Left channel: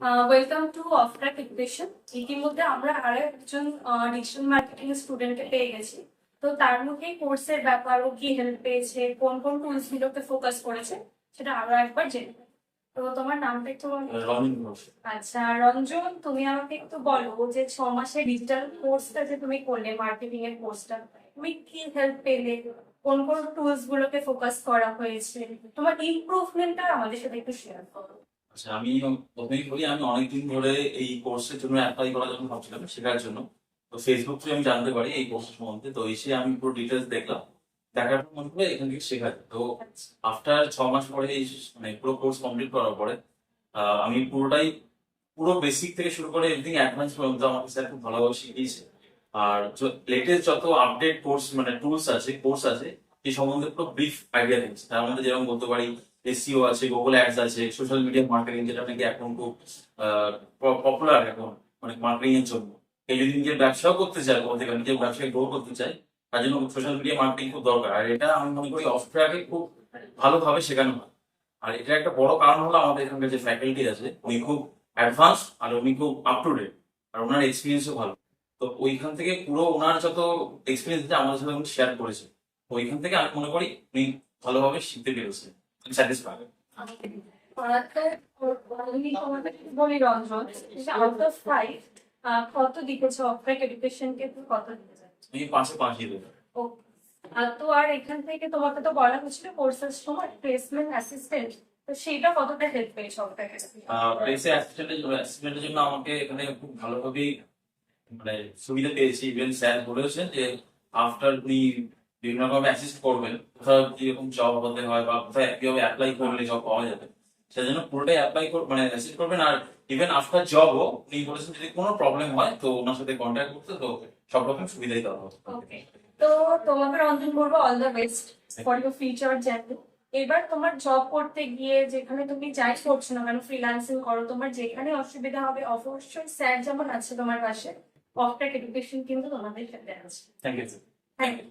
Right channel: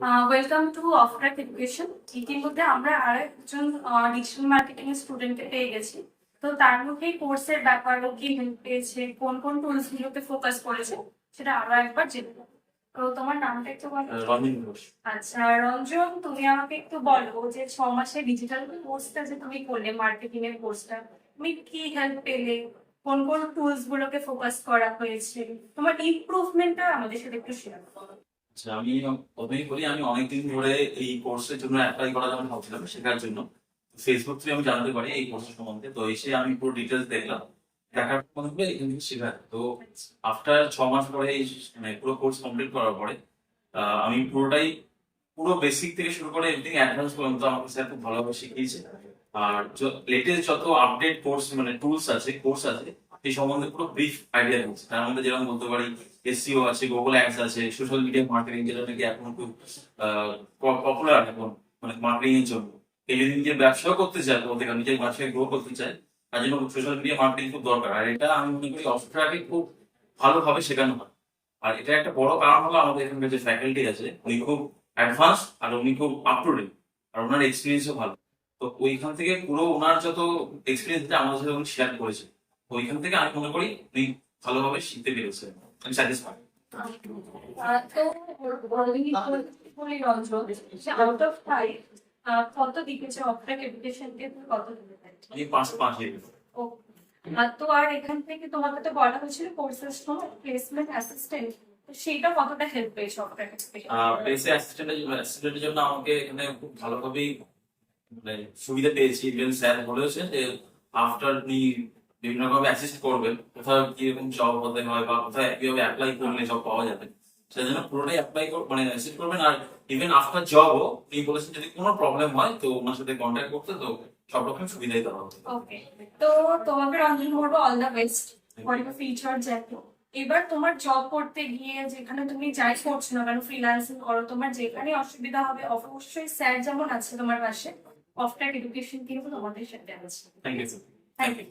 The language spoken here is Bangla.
Welcome to অফট্রাক education. ইতিমধ্যে আমরা আরেকজন ডিজিটাল মার্কেটিং এর স্টুডেন্টকে পেয়ে গেছি। তো তার মধ্যে কোর্সের ব্যাপার, ও কি হেল্প পেয়েছে, কোন কোন টুলস গুলোকে ফোকাস করেছে, সেটা আরো একবার জেনে নেব। তো তোমার নামটা একটু বলো। রনিন ঘোষ। আচ্ছা রঞ্জন, তুমি আমাকে একটু বলো যে 6 মাসের ডিজিটাল কোর্সটা যে তুমি করলে, মার্কেটিং এর কোর্সটা, তুমি কি হেল্প পেলে, কোন কোন টুলস গুলোকে ফোকাস করা হয়েছে, তোমার ইমপ্রুভমেন্টটা আমাদের সাথে একটু শেয়ার করো। আচ্ছা, আমি প্রথমেই বলি, আমি অনেকদিন ধরে এই কোর্সের জন্য অ্যাপ্লাই করার জন্য ভাবছিলাম, শেখার জন্য। তো ফেসবুক থ্রু আমি জানতে পারি এই কোর্সের সম্বন্ধে। তো এসে আমি পুরো ডিটেলস দেখলাম, দেখার পর মনে হলো এখান থেকে শেখা যায়। তো আফটার 6 মাস পরে মানে পুরো কোর্স কমপ্লিট করার পরে আমি পুরো বেসিক থেকে শুরু করে এভরিথিং অ্যাডভান্স পর্যন্ত আমাকে স্যার খুব ভালোভাবে শিখিয়েছে। আর লেটেস্ট যত আপডেট কোর্স মানে টুলস আছে, কোর্স আছে, এই সম্বন্ধে পুরো ব্রিফ আইডিয়া দিচ্ছে। তার মধ্যে যেরকম বলতে পারি, এসইও আছে, গুগল অ্যাডস আছে, সোশ্যাল মিডিয়া মার্কেটিং, যেটা নাকি এখন খুব পপুলার এখন, মানে মার্কেটিং এর জন্য। কেউ যদি নিজের ব্যবসাও করতে চায়, বলতে গেলে নিজের ব্যবসাকে গ্রো করতে চায়, তার জন্য সোশ্যাল মিডিয়া মার্কেটিং খুব দরকার। আর এটা আমি মনে করি অফট্রাকে খুব ভালোভাবে শেখানো হয়। আর এটা একটা বড় কারণ হলো আমাদের এখানকার যে ফ্যাকাল্টি আছে, উনি খুব অ্যাডভান্স আর উনি খুব আপ টু ডেট, আর ওনার এক্সপিরিয়েন্সও ভালো। তো ওইখান থেকে পুরো ওনার যত এক্সপিরিয়েন্স আছে আমাদের সাথে উনি শেয়ার করেছে। ওইখান থেকে আমি মনে করি উনি ভালোভাবে শিখতে পেরেছে। আমি স্যাটিসফাইড। বলি রঞ্জন, আউট অফ 5 কত দিকেছে অফট্রাক এডুকেশনকে, তুমি কত দিতে চাইছো? আমি 5/5 দিয়ে দেবো। তো আর এখান থেকে তোমাকে তো বলা হয়েছিল কোর্সেস তোমার প্লেসমেন্ট অ্যাসিস্ট্যান্ট, তো সেইটা কতটা হেল্প পেয়েছে অফট্রাক এডুকেশন? প্লেসে অ্যাসিস্ট্যান্টের জন্য আমাকে এখানে খুব ভালোভাবেই মানে সুবিধা পেয়েছি। ইভেন স্যার বলেছেন যে আফটার উনি বিভিন্ন ভাবে অ্যাসিস্ট করবেন, কোথাও কিরকম জব হতে হয় বা কোথায় কিভাবে অ্যাপ্লাই করলে জব পাওয়া যাবে, সেজন্য পুরোটাই মানে অ্যাসিস্ট করবেন। আর ইভেন আফটার জবও উনি বলেছেন যদি কোনো প্রবলেম হয় তো ওনার সাথে কন্ট্যাক্ট করতে, তো সব রকম সুবিধাই দেওয়া হবে। ওকে, তো তোমাকে রঞ্জন বলবো all the best for your future journey. এবার তোমার জব করতে গিয়ে যেখানে তুমি যাই করছো না কেন, ফ্রিল্যান্সিং করো, তোমার যেখানে অসুবিধা হবে অবশ্যই স্যার যেমন আছে তোমার পাশে, অফট্রাক এডুকেশন কিন্তু তোমাদের সাথে আছে। Thank you. Thank you.